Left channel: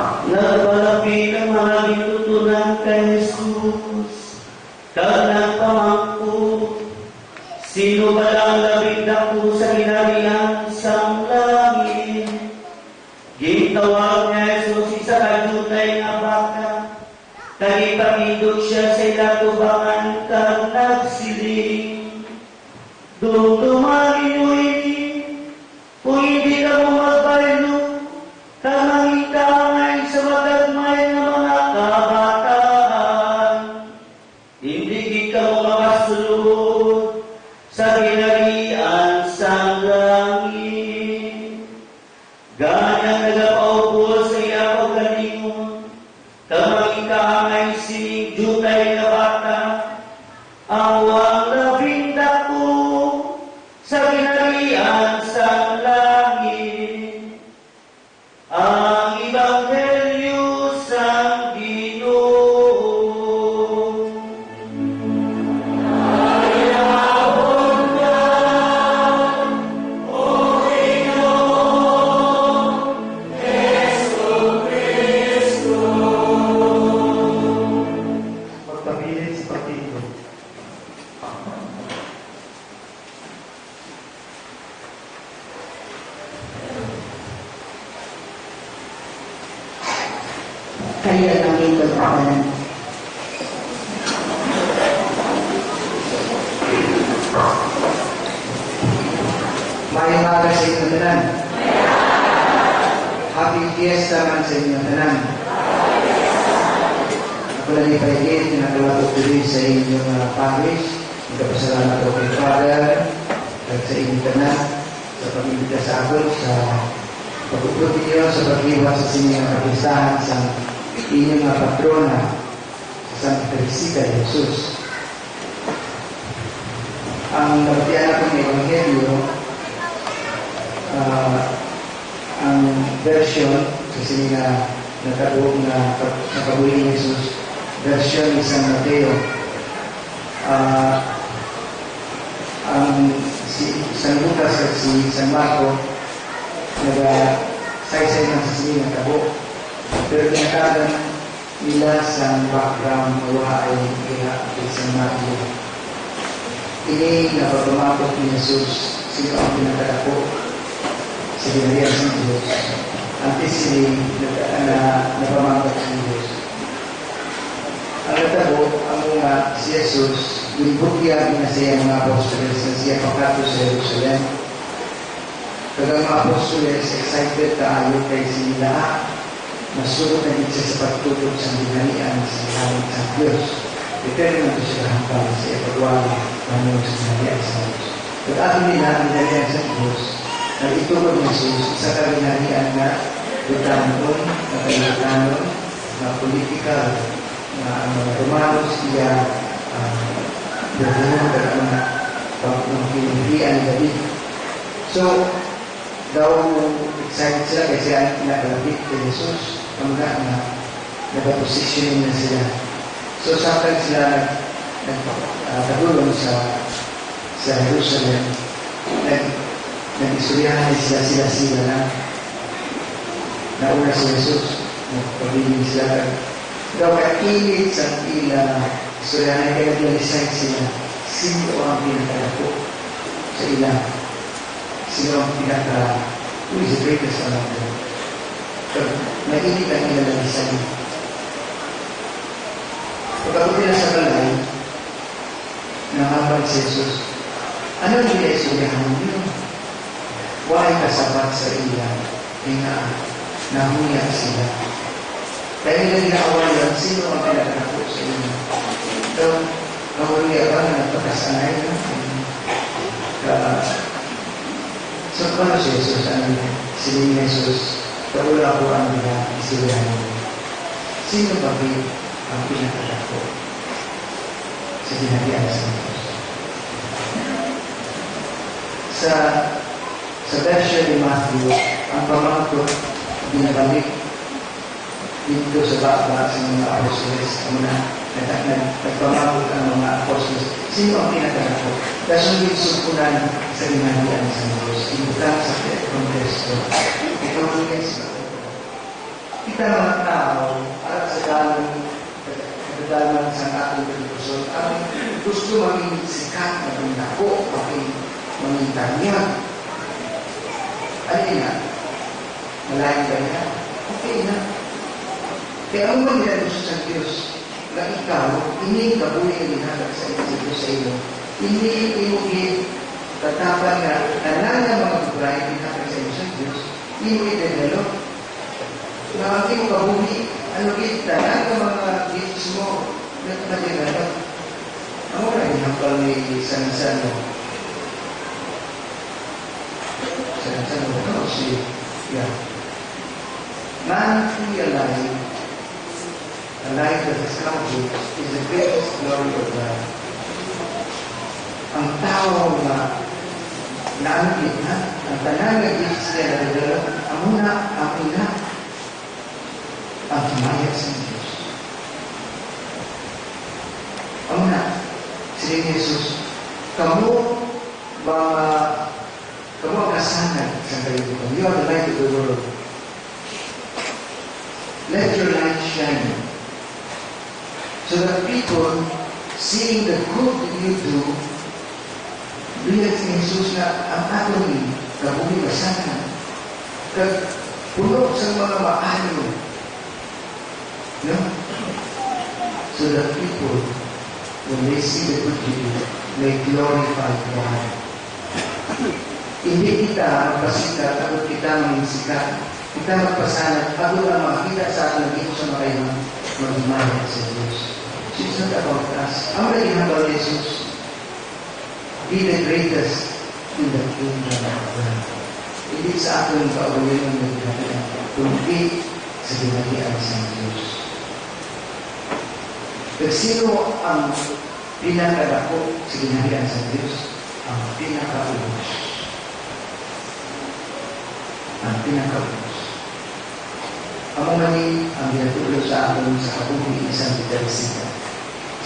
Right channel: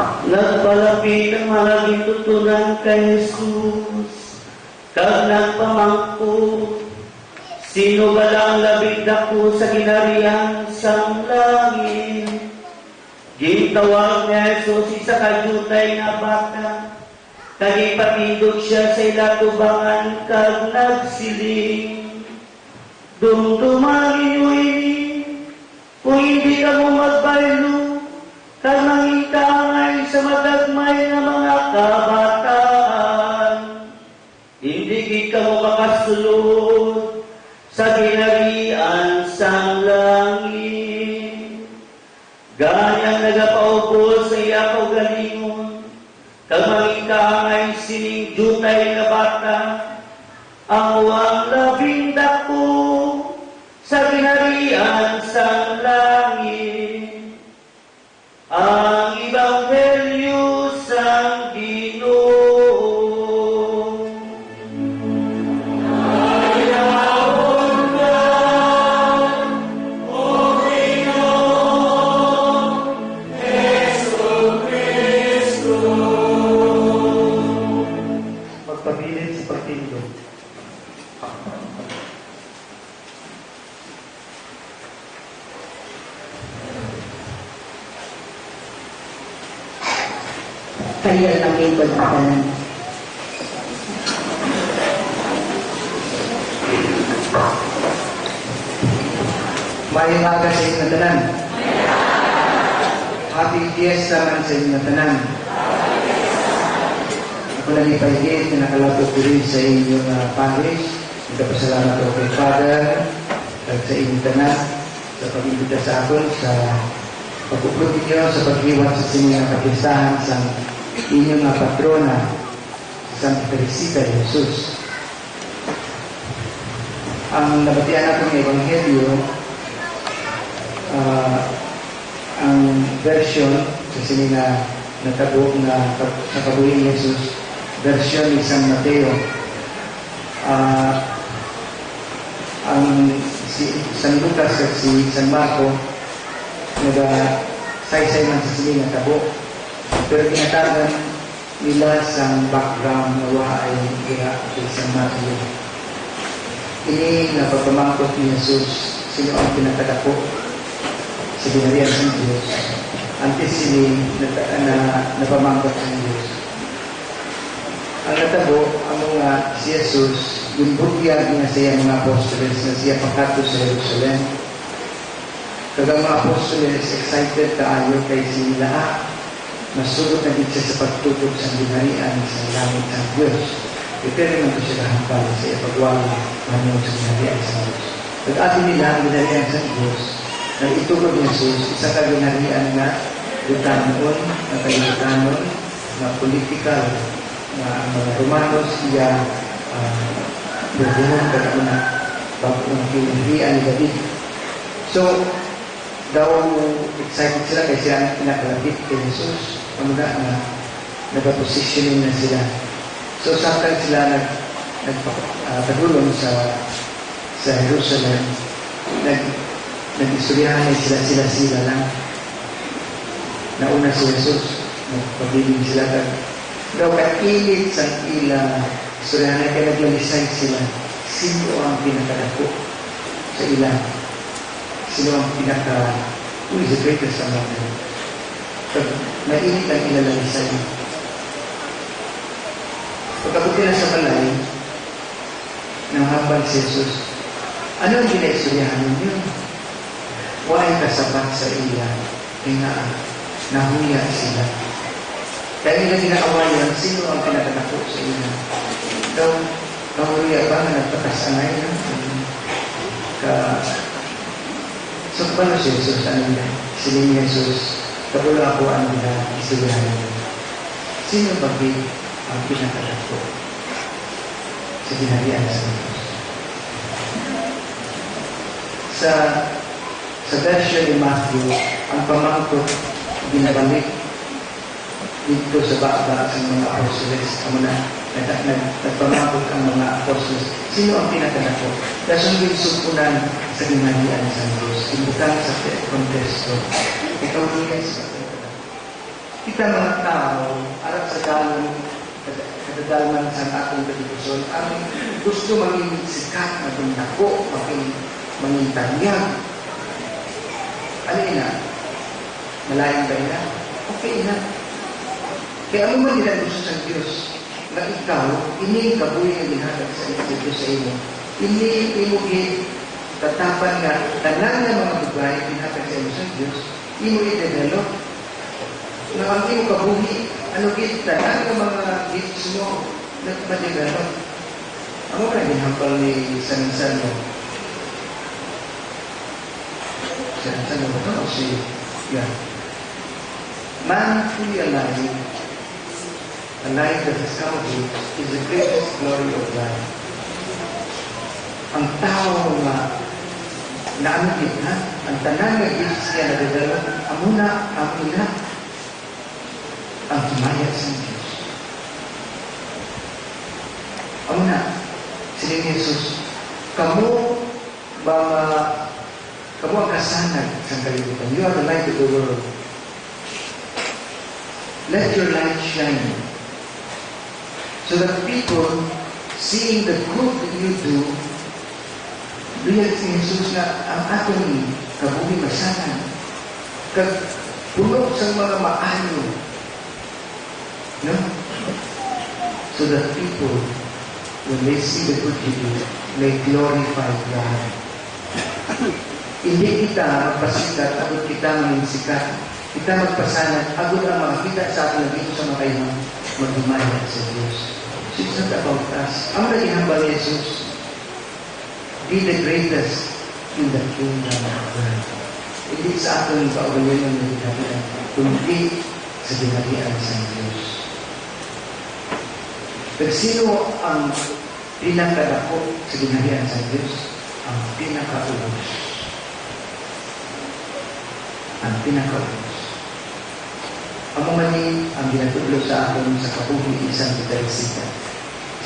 Nagpalapit ang mga gitutunan kay Jesus, kag nagpamangko, sino ba lang labing dako sa ginarian sang langit? Gitawag ni Jesus isa kajutay nga bata, kag ipatidog siya sa ilatubangan kag nagsiling. Dumduman ninyo ini, kung hindi ka mo magbaylo, kag mangitangay sa matagmay na mga kabataan. Hindi ka mo makasulod sa ginarian sang langit. Ganyang nagapaupo sa iyapaw galingon, kag mangitangay sining jutay na bata, ang labing dako sa ginarian sang langit. Ang Ebanghelyo sang Ginoo. Ayaw ka, O Ginoo, Jesu-Kristo. Magpabilis sa partido. Kaya ang lingkod na kanan. Mayong aga sa inyo tanan. Happy Fiesta man sa inyo tanan. Ako lang ipahigit na nakalapot diri sa inyong parish. Nagkapasalamat ako kay Father at sa inyong tanan sa pag-ibita sa akin sa pag-upot ninyo sa pag-iwat sa sinyang kapistahan sa inyong patrona sa Santa Teresita de Jesus. Ang nabatian natin ng Ebanghelyo, ang version sa sila nakabuo na nakabuhi ni Jesus, version ni San Mateo. Ang si San Lucas at si San Marco nag-saysay ng sa sila nakabuo. Pero tinatagan nila sa background na wahay kaya kay San Mateo. Ini napagpamakot ni Jesus, sino ang pinatadako sa ginarian ng Diyos. Antes sila napamakot ng Diyos. Ang natabo, ang mga si Jesus, binbugyag na siya mga apostoles na siya pakato sa Jerusalem. Kagang mga apostoles, excited kaayo kay sila masulot na din siya sa pagtutok sa ginarian sa langit ng Diyos. Depende naman siya kahangkal sa ipagwala ng sa ginarian sa Diyos. Pag-ato nila ang ginarian sa Diyos, na itulog ni Jesus, isa ka ginarian na Butanon, na Kayutanon, na politikal, na mga Romanos, iya berhubung dengan pilihan ni David. So, daw excited sila kasi ang pinakalapit kay Jesus, pamuna na nag-positioning na sila. So, samtang sila nagpagulong sa Jerusalem, nag-istoryahan sila na nauna si Jesus, nagpabiling sila daw kailit sa ila istoryahan kaya naglalisay sila sino ang pinakadako sa ila, sino ang who is the greatest among them. So, mainit ang ilalalisay. Pagkabot nila sa balay, nanghabang si Jesus, ano ang ginaisuryahan ninyo? Huwag kasapat sa ila, ay nahuya sila. Dahil nila ginaawayan, sino ang pinakadako sa ila? So, nahuya ba na nagpakasanay na? So, paano si Jesus? Siling ni Jesus, kapula ko ang isuryahan ninyo. Sino ba ang pinakadako sa ginarian sa Diyos? Sa version ni Matthew, ang pamangkot binabalik dito sa baba sa mga apostoles. Nagpamangkot ang mga apostoles. Sino ang pinakadako? Dasong ginsupunan sa ginarian sa Diyos. Ibukan sa kontesto. Ikaw ni yes. kita mga tao, arat sa dalong kadalaman sa atong kadipusyon, ang gusto maging sikat, maging dako, maging tanyag. Ano na? Malayang ba na? Okay na. Kaya ang mga nilagusto sa Diyos, na ikaw, ini kabuhi ang ginhatag sa Diyos sa iyo. Ini imugi tatapan nga, tanan ng mga bugay, ginhatag sa iyo sa Diyos, imugi develop. Na ang imo kabuhi, ano kita, ang mga gifts mo, na ma-develop. Ang mga ginhampal ni San mo. San mo, no? Yeah. Man fully alive, a life that is counted, is the greatest glory of life. Ang tao na naanggit na, ang tanan na gifts niya na develop, amuna, ang ina, ang tumaya sa Diyos. Amuna, sila ni Jesus, kamu ang kasanay sa kalibutan. You are the light of the world. Let your light shine so that people, seeing the good that you do, realize ni Jesus na ang ato ni kabuhi masanan, puno sa mga maayo. No? So that people, when they see the good you do, may glorify God. Hindi kita magpasikat, agad kita manginsikat. Kita magpasanat, agad ang makita sa atin dito sa mga kayo magdumaya sa Diyos. So it's not about us. Ang naginambal ni Jesus, be the greatest in the kingdom of God. Hindi sa atin kaulinan ng naginambal, kundi sa dinalian sa Diyos. Pero sino ang pinakadako sa dinalian sa Diyos? Ang pinakaubos. Ang pinakaubos. Ang mga ni ang ginatulog sa akin sa kabuhi ni Santa Teresita.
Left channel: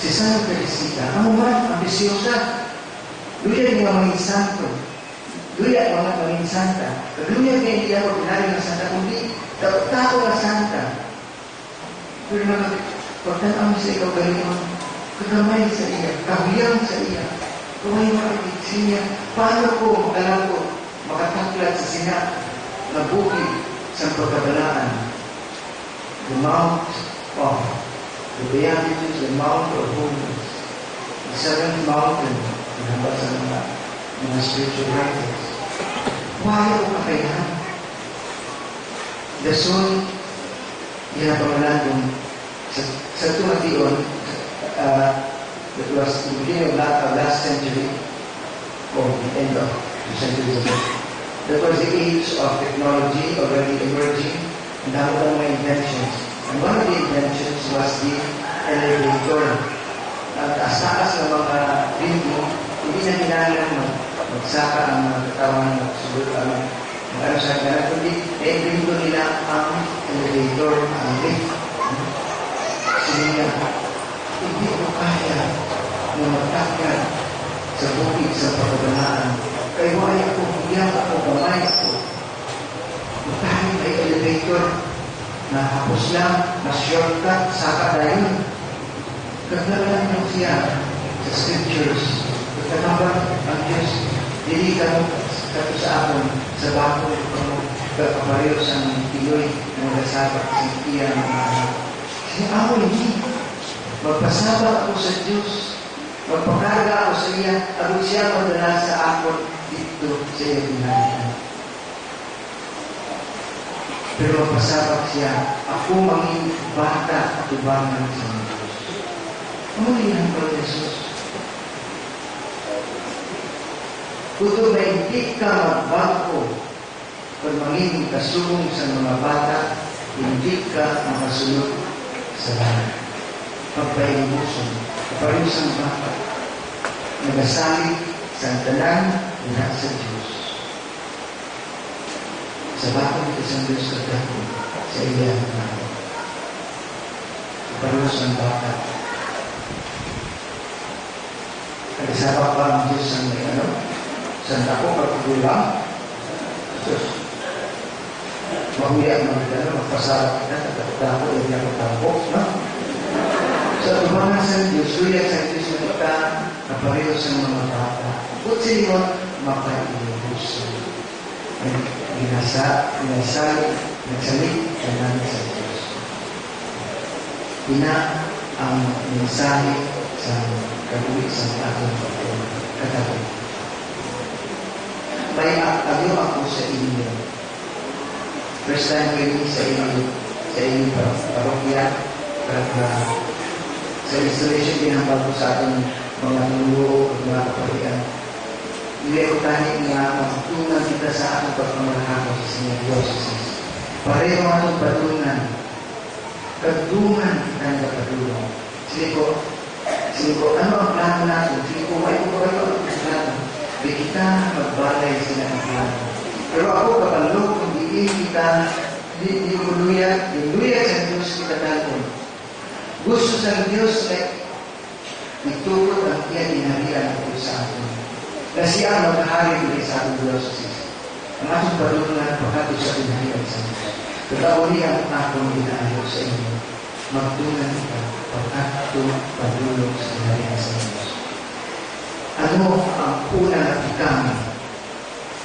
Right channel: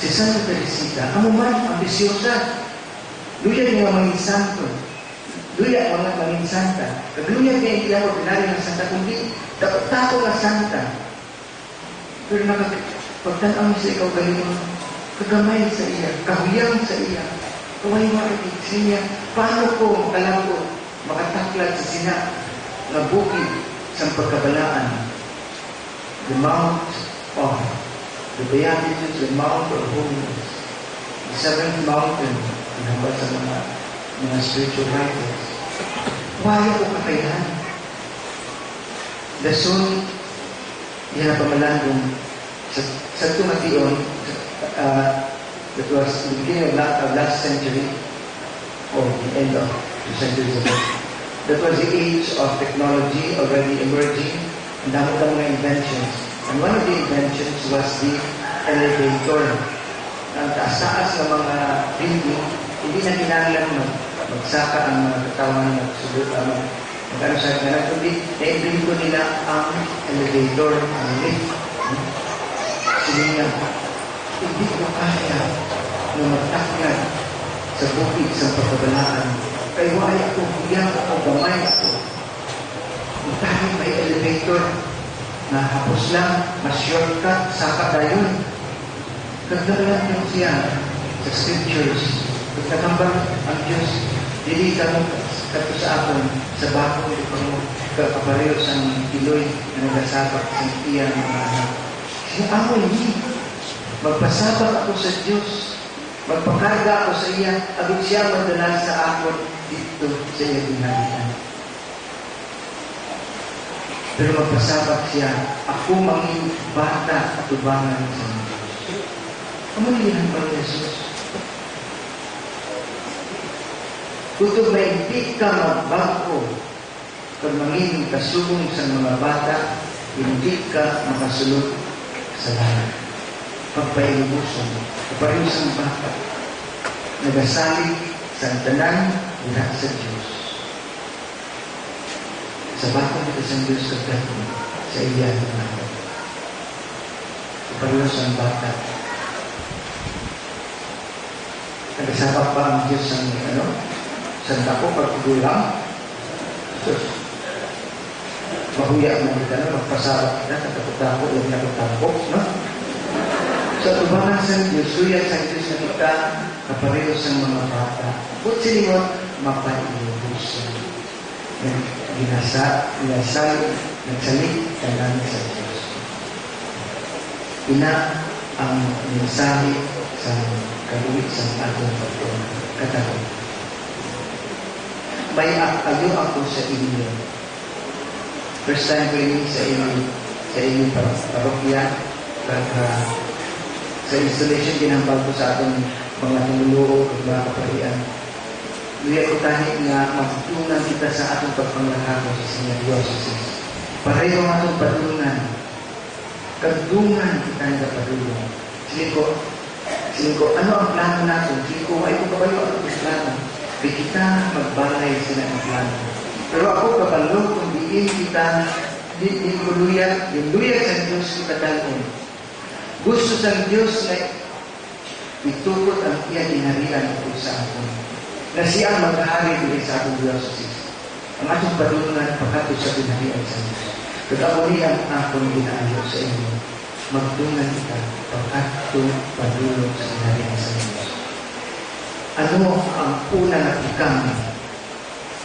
Si Santa Teresita, ang mga ambisyosa. Luya niya mga santo. Luya mga mga santa. Kagluya niya hindi ako pinari ng santa, kundi tako na santa. Pero pagtanong sa ikaw kayo, kagamay sa iya, kahuyang sa iya, kaway makakit sa iya, paano ko alam ko makataklat sa sina na bukid sa pagkabalaan? The Mount of the Beatitudes, the Mount of Holiness, the seventh mountain, pinabas sa mga spiritual writers. Why ako kakayahan? The soul, yan ang pamalandong sa tumation, that was the beginning of last century, or the end of 2 centuries ago. That was the age of technology already emerging, and dami mga inventions. And one of the inventions was the elevator. Taas-taas ng mga building, hindi na kailangan magsaka ang mga katawan ng subot ano sa kanila, kundi na-invento nila ang elevator, ang lift. Sininya, hindi ko kaya na magtakyan sa bukid sa pagkabalaan. Kaya wala ako, hiyang ako, gamay ako. Kung tayo may elevator, na hapos lang, na shortcut, saka tayo. Kagdalan niyo siya sa scriptures. Pagkakambang ang Diyos, dili ka mo kato sa akin, sa bako, kapareho sa piloy na nagasabak sa iya ng mga anak. Sinaaway niya. Magpasabak ako sa Diyos. Magpakarga ako sa iya. Agad siya madala sa ako dito sa iya ginalitan. Pero magpasabak siya, ako manging bata at ubangan sa Diyos. Kamulihan pa Jesus. Kutub na hindi ka magbago kung manging kasulong sa mga bata, hindi ka makasulog sa lahat. Pagpailubuson, kaparusang bata, nagasalig sa tanan lahat sa Diyos. Sa bata mo sa Diyos kagdapo sa iya ng natin. Kaparusang bata. Nagasabak pa ang Diyos sa mga sanda ko pagkulang. mahuya mo kita, no? Magpasarap kita, nagkakutako, yung nakutako, no? Sa tubangan sa Diyos, huya sa Diyos na kita, na pareho sa mga bata. But sino, mapailubusan. Ginasal, nagsalik, kanan sa Diyos. Ina ang mensahe sa kaluwi sa atong katabi. May agyo ako sa inyo. First time ko yun sa inyo parokya, sa installation ginambal ko sa atong mga nuluro at mga kaparian. Hindi ko tayo na magtunan kita sa atong pagpangalaga sa Senior Diocese. Pareho ang atong patungan. Kadungan kita ang kapadulong. Sige ko, ano ang plano natin? Sige ko, may ko kayo ang plano. Di kita magbalay sila ang plano. Pero ako kapalog, kung diin kita, di ko luya sa Diyos kita talon. Gusto sa Diyos na itulot ang iya inarian ako sa atin. Na siya ang mag-ahari din sa atong diocese. Ang atong patungan pagkato sa pinahiyang sa Diyos. Katauli ang akong ginaayo sa inyo. Magtungan kita pagkato padulong sa pinahiyang sa Diyos. Ano ang una na ikang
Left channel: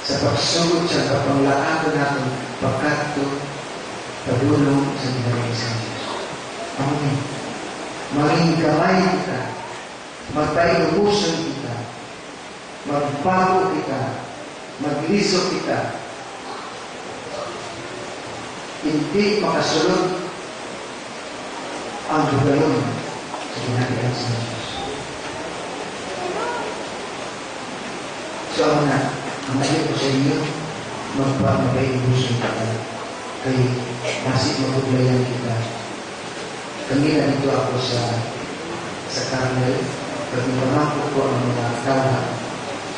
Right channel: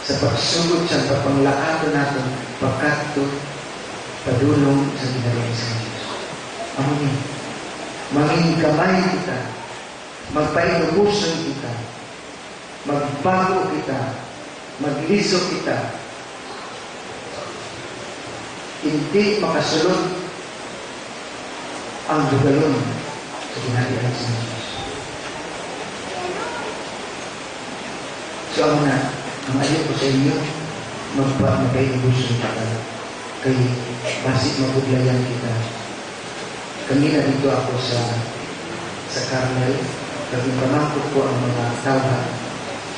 sa pagsugod sa kapanglakato natin pagkato padulong sa pinahiyang sa Diyos? Amin. Maging kamay kita, magpainubusan kita, magbago kita, magliso kita, hindi makasulod ang dugalon sa ginagawa sa Diyos. So ako na, ang ayaw ko sa inyo, magpainubusan kita, kay basit maguglayan kita. Kanina dito ako sa Carmel, pag pamangkot ko ang mga tawag,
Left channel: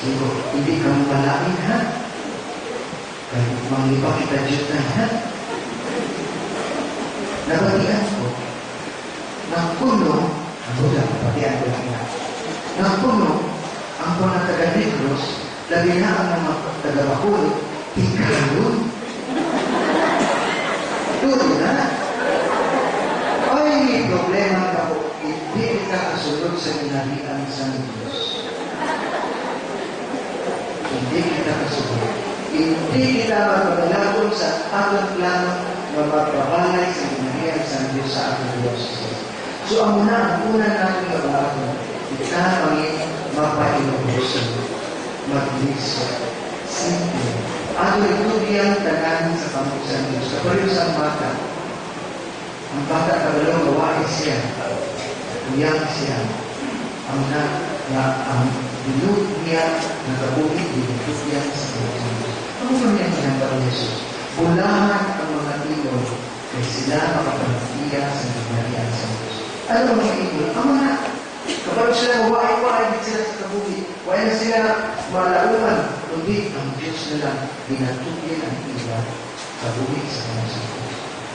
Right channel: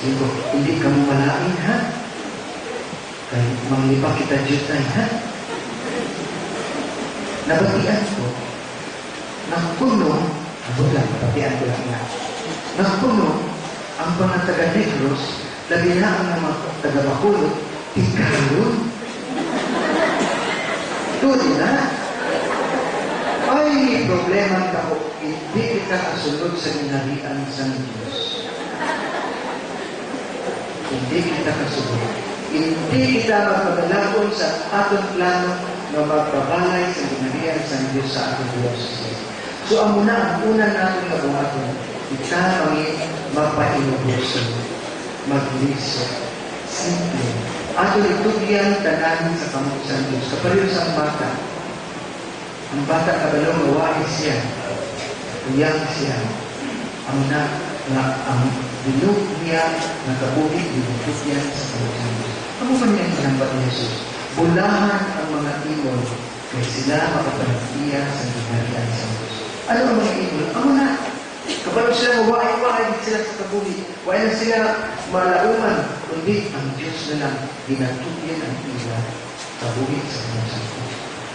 sino, hindi ka malain, ha? Kaya manglipa kita dito, ha? Nabatian ko, nagpuno, ako lang, nabatian ko lang nga, nagpuno, ang mga taga-Negros, labi na ang mga taga-Bacolod, ikalun. Tuloy na. Ay, problema ako, hindi kita kasunod sa ginarian sa Diyos. Hindi kita kasunod. Hindi kita magpagalagon sa atong plano na magpabalay sa ginarian sa Diyos sa atong Diyos. So, ang una natin na buhaton, kita mapainubusin, magliso, simple. Atong itubyan tanan sa pamusan Diyos. Kapaliw sa bata, ang bata kabalong gawain siya, uyang siya, ang binug niya, nakabuhig, binug niya sa pamusan Diyos. Ano ba niya hinambat ni Jesus? Bulahan ang mga ilog, kaya sila makapanagtiya sa ginarian sa Diyos. Ano ang mga ilog? Ang mga, kapag sila gawain sila sa kabuhig, wayan sila malauman, kundi ang Diyos na lang, binatugyan ang ila, kabuhig sa pamusan Diyos.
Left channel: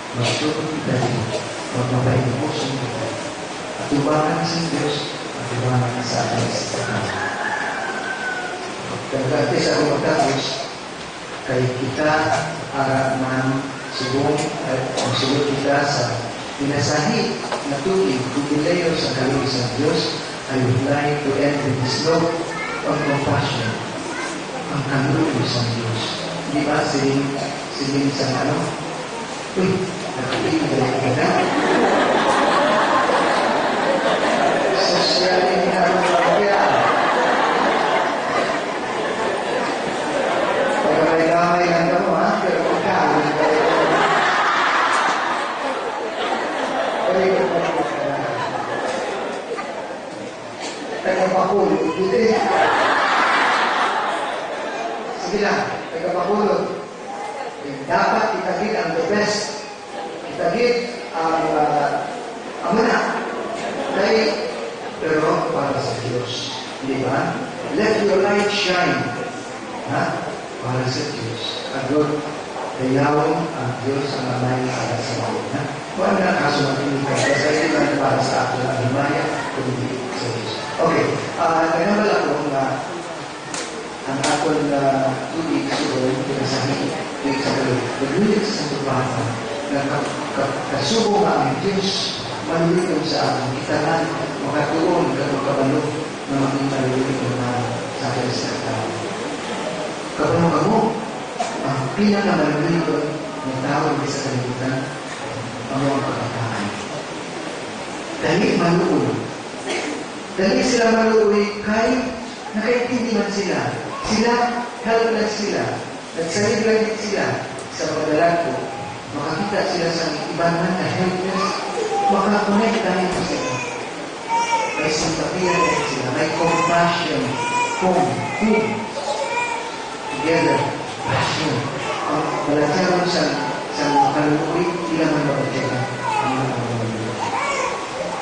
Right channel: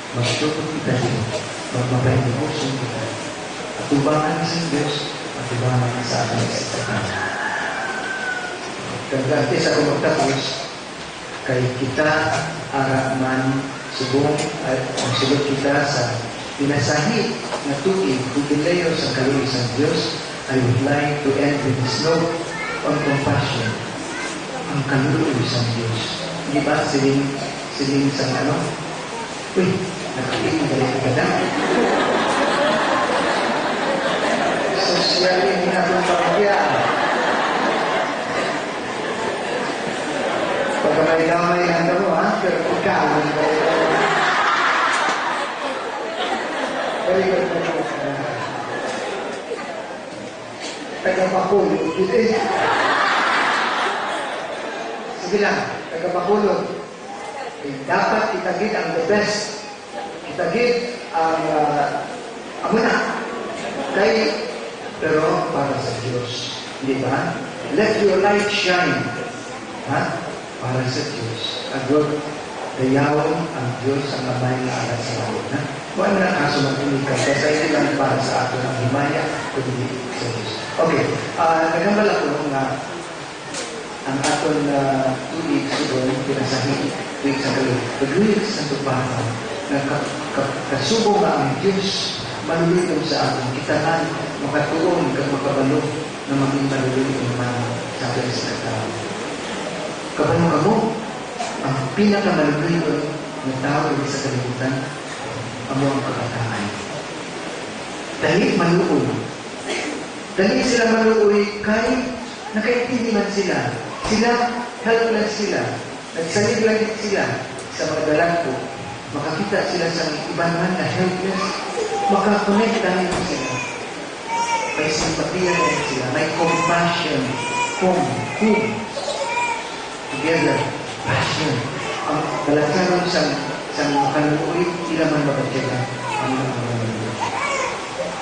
Magtutok kita dito, magmapahinubusin kita. At tubangan sa Diyos, at tubangan sa ating sitahan. Kagati sa kumatapos, kay kita araman subong at masulog kita sa pinasahi na tubig kubilayo sa kaluwi sa Diyos. I would like to end with this note on compassion. Ang kaluwi sa Diyos. Di ba siling sa ano? Uy, nakapili ka na. Sosyalin na ang pagkaya. Pagkamay-kamay na mo, ha? Pero pagkaman kayo. Tagapapulog. Sige lang, tagapapulog. Dapat kitagid ang the best. Kitagid ang amuna. Pero para sa Diyos. Di ba? Let your light shine. Ha? Para sa Diyos. Agod, kayawang ang Diyos ang amay na alas sa mga. Ha? Kung na kaso magpilikan, kasi ito lang para sa ato ang himaya, kundi sa Diyos. Okay. Nagambala ko nga ang aton tubig siguro pinasahin tuwing sa gabi. Naglulit sa tupahan. Kasubo nga ang Diyos malulitong sa atin. Kita na makatuon ka magkabalo na maging malulitong na sa atin sa katao. Kabalo ka mo, ang pinakamalulitong na tao sa kalimutan, ang mga kabataan. Dali maluoy. Dali sila maluoy kahit nakaintindi man sila. Sila, helpless sila. Nagsalib lang sila sa mga dalag. Makakita sila sa ibang man na helpless. Makakonect dahil sila. May simpatiya rin sila. May compassion. Whom. Together. Passion. Ang balansaron sa makaluoy, sila man mapagkita. Ang mga mga.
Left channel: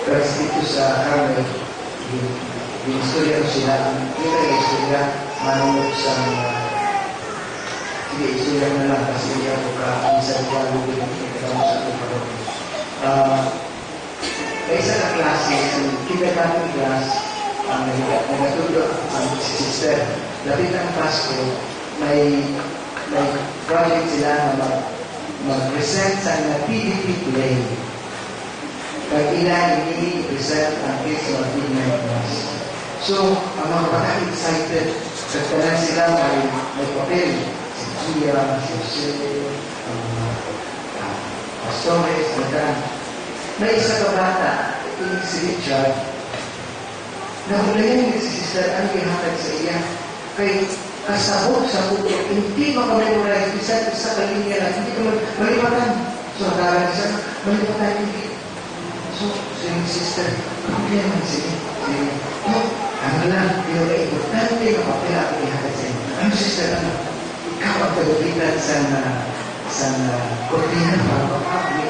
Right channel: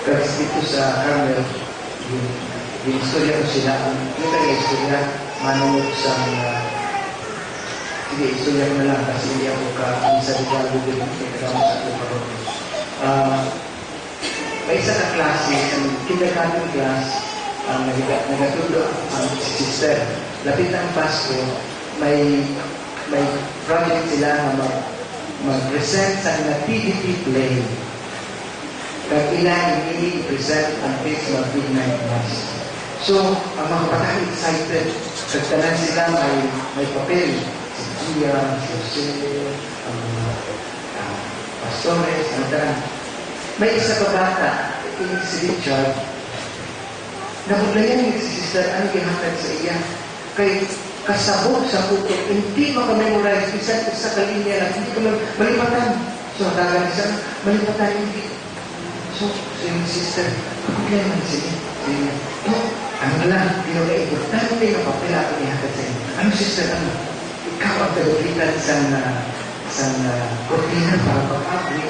Pero dito sa Carmel, yung istorya ko sila, yung istorya, manunod sa sige, istorya ko na lang kasi hindi ako isa diba Google nagkakaroon sa ito pa rin. May isa na klase, ang kindergarten class, ang nagatudo ang sister. Lapit ang Pasko, may project sila na mag-present sa PDP play. Kaya ilan hindi i-present ang kids sa midnight mass. So, ang mga bata excited. Kagtanan sila may papel. Si Gia, si Jose, ang pastores, ang may isa pa bata, si Richard, nakulayan niya si sister, ano gihatag sa iya? Kay kasabot sa puto, hindi makamemorize, isa sa kalinya lang, hindi ka malipatan. So, hatagan siya, malipatan hindi. So, sister, problema siya. Ano lang, importante na papel ako ihatag sa inyo. Ano sister, ano? Ikaw ang tagupitan sa kortina para pag-upli.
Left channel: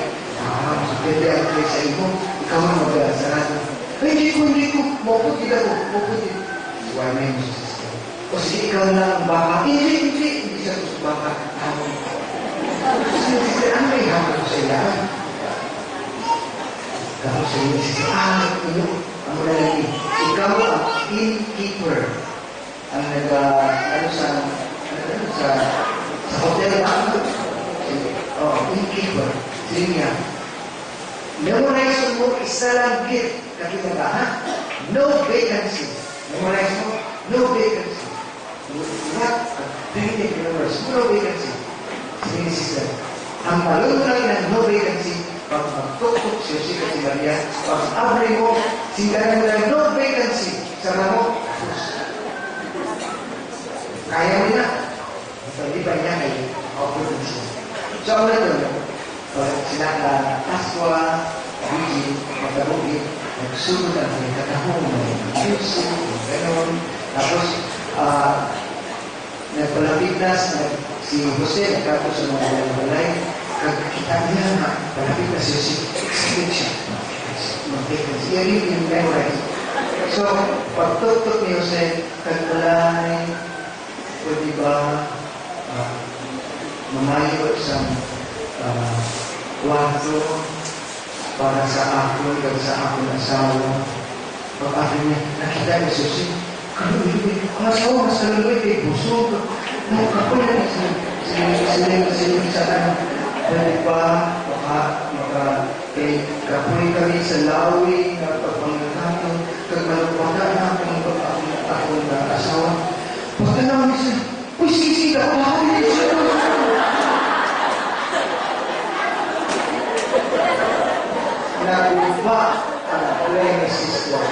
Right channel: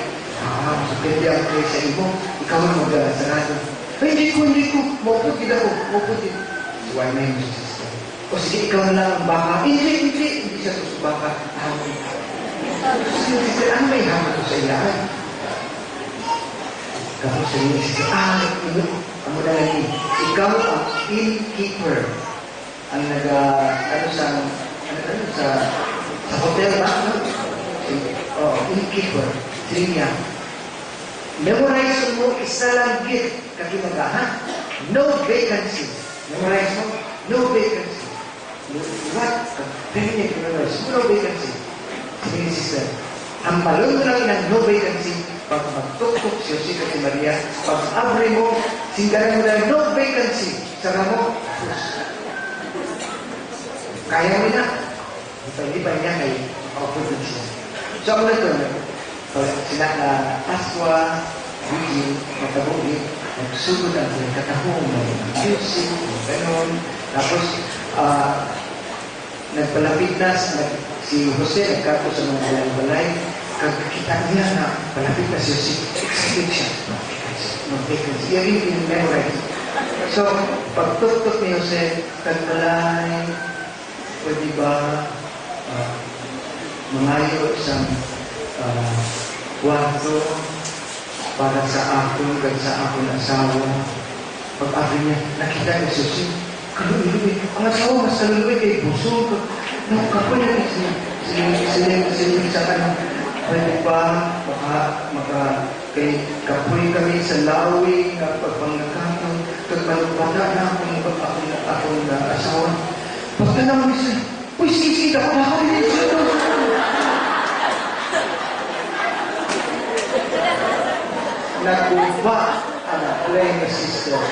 Pwede ang kayo sa imo. Ikaw ang mag-sarado. Ay, hindi ko. Mauputin ako. Mauputin. Why na yun, sister? O sige, ikaw lang ang baka. Hindi siya ito sa baka. Sister, ano may hapon sa ilaan? Ikaw sa inyo, sister. Ang lalaki. Ikaw ang innkeeper. Ang sa hotel ba? Innkeeper. Sige niya. Memorize mo isa lang gift kakimagahan. No vacancy. Memorize mo? No vacancy. What? Very memorize. No vacancy. Sige ni sister. Ang malulunag ng no vacancy, pag magtuktok siya si Maria, pag abri mo, singgalan mo na no vacancy. Saka mo, kaya mo na. Hindi pa niya ay makapunod siya. So, ako na ito, sila na Pasqua, Vigil, Magkabugi, nagsunod ang katahong ng music, gano'n. Tapos, nagpalapit na si Jose, nagkato sa mga balay, kakita niya na palapit na si Jose, excited siya. Mag-vacancy. Yan yung memorize. So, pagtutok ni Jose, kagbalay, pwede ba mangayo sa kwarto para sa akong at sa akong asawa. Pag-akin niya, nakita ni Susi, kaluloy, ang asawa, mas kaluloy kay Busog. Nakakapal niya sa ano, pwede pa, kay kapoy kami sa lawi, pagpangakatong, kagmalupata na akong asawa. Pagka naman siya, uy, sige, ako nakakalimutan siya. Naguba ang play ni sister.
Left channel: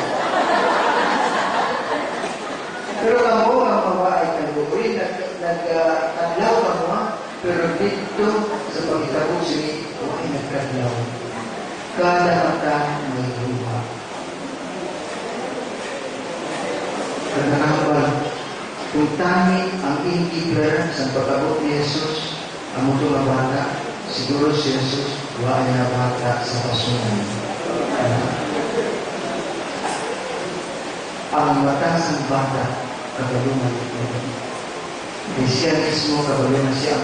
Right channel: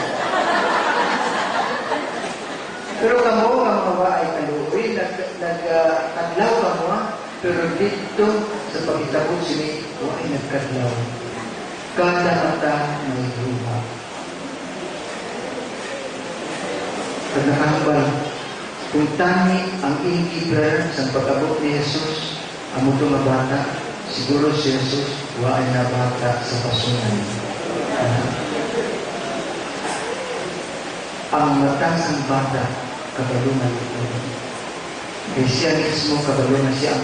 Pero kamo, ang mga ay kaluwi, nagkadlaw ka mo, pero dito sa pagkitabo sila, ay nagkadlaw. Kada mata may luha. Kanakambal, kung tangi ang innkeeper sa pag-abot ni Jesus, ang muto na bata, siguro si Jesus, wala na bata sa pasunan. Ang matas ng bata, kabalungan ito. Kaya siya mismo, kabalungan siya, ang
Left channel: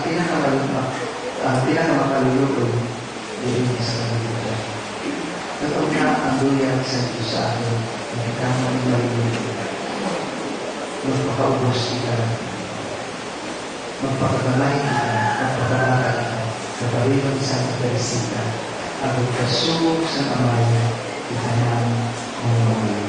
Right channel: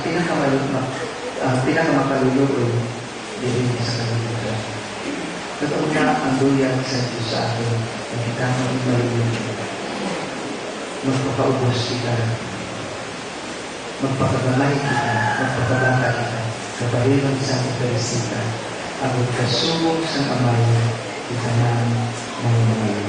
pinakamalulungan din sa kabalungan. Nagpunta ang duyan sa Diyos sa atin, ang kitama ng malulungan. Magpapaubos kita, magpakabalay kita, at pagkabangkalitan, kapalimang sa Eucharistia, ang kasubok sa amay, itanang mga